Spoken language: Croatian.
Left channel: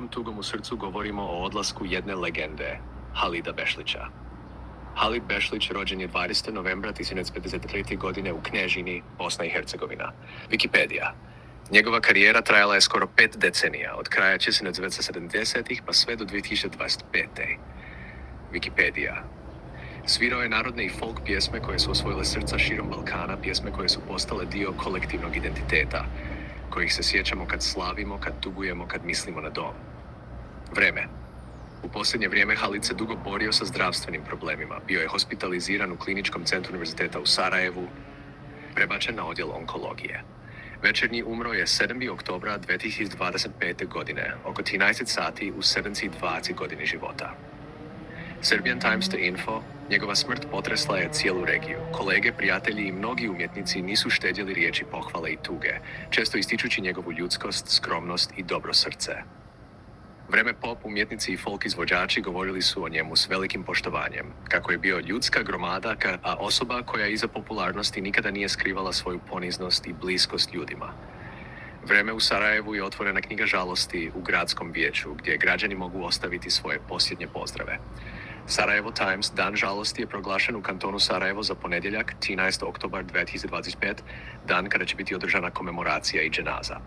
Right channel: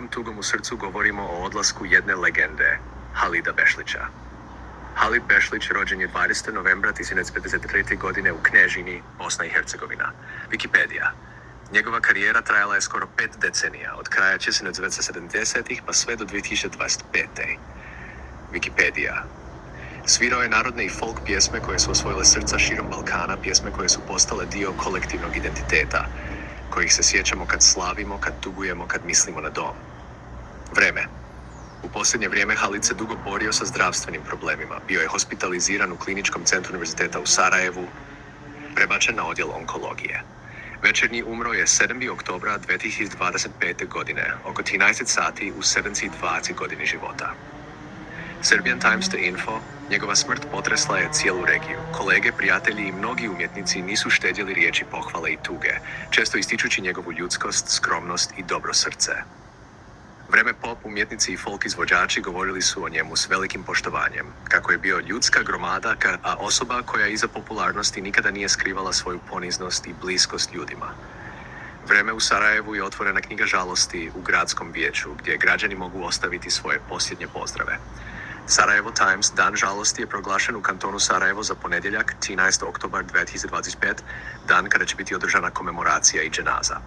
velikom tugom u srcu govorimo o odlasku jedne legende, Halida Bešlića. Halid Bešlić rođen je 20. novembra 1953. godine u Knežini, Bosna i Hercegovina. Wikipedija. Njegova karijera trajala je skoro 5 decenija, od kraja 1970-ih pa sve do 2025. Wikipedija. Svirao je narodne i folk pjesme koje su osvojile srca širom Balkana, pjesme koje su postale dio kolektivnog identiteta, kojih se sjećamo kad slavimo, kad tugujemo, kad mislimo na dom. Vreme. U posljednje vrijeme Halid se dugo borio sa zdravstvenim problemima. Bio je hospitaliziran u Kliničkom centru univerziteta u Sarajevu, prebačen na odjel onkologije. Večernji umro je 7. oktobra 2025. godine, oko 13 sati u 72 godini života. Serbian Times.info, njegova smrt potresla je cijelu regiju. Kolege, prijatelji i mnogi umjetnici nisu štedjeli riječi pohvale i tuge, često ističući njegovu ljudskost, skromnost i dobro srce. Vreme pop umjetnici i folk izvođači govorili su o njemu s velikim poštovanjem, kako je bio ljudska gromada, a osoba koja iza popularnosti nikada nije skrivala svoju poniznost i bliskost ljudima. Vreme u Sarajevu je otvorena knjiga žalosti u gradskom vijeću, gdje građani mogu ostaviti svoje posljednje pozdrave. Sarajevo Times, dan žalosti je proglašen u kantonu Sarajevo za ponedjeljak, 13. oktobar 2025, dan kada će biti održana komemoracija i dženaza.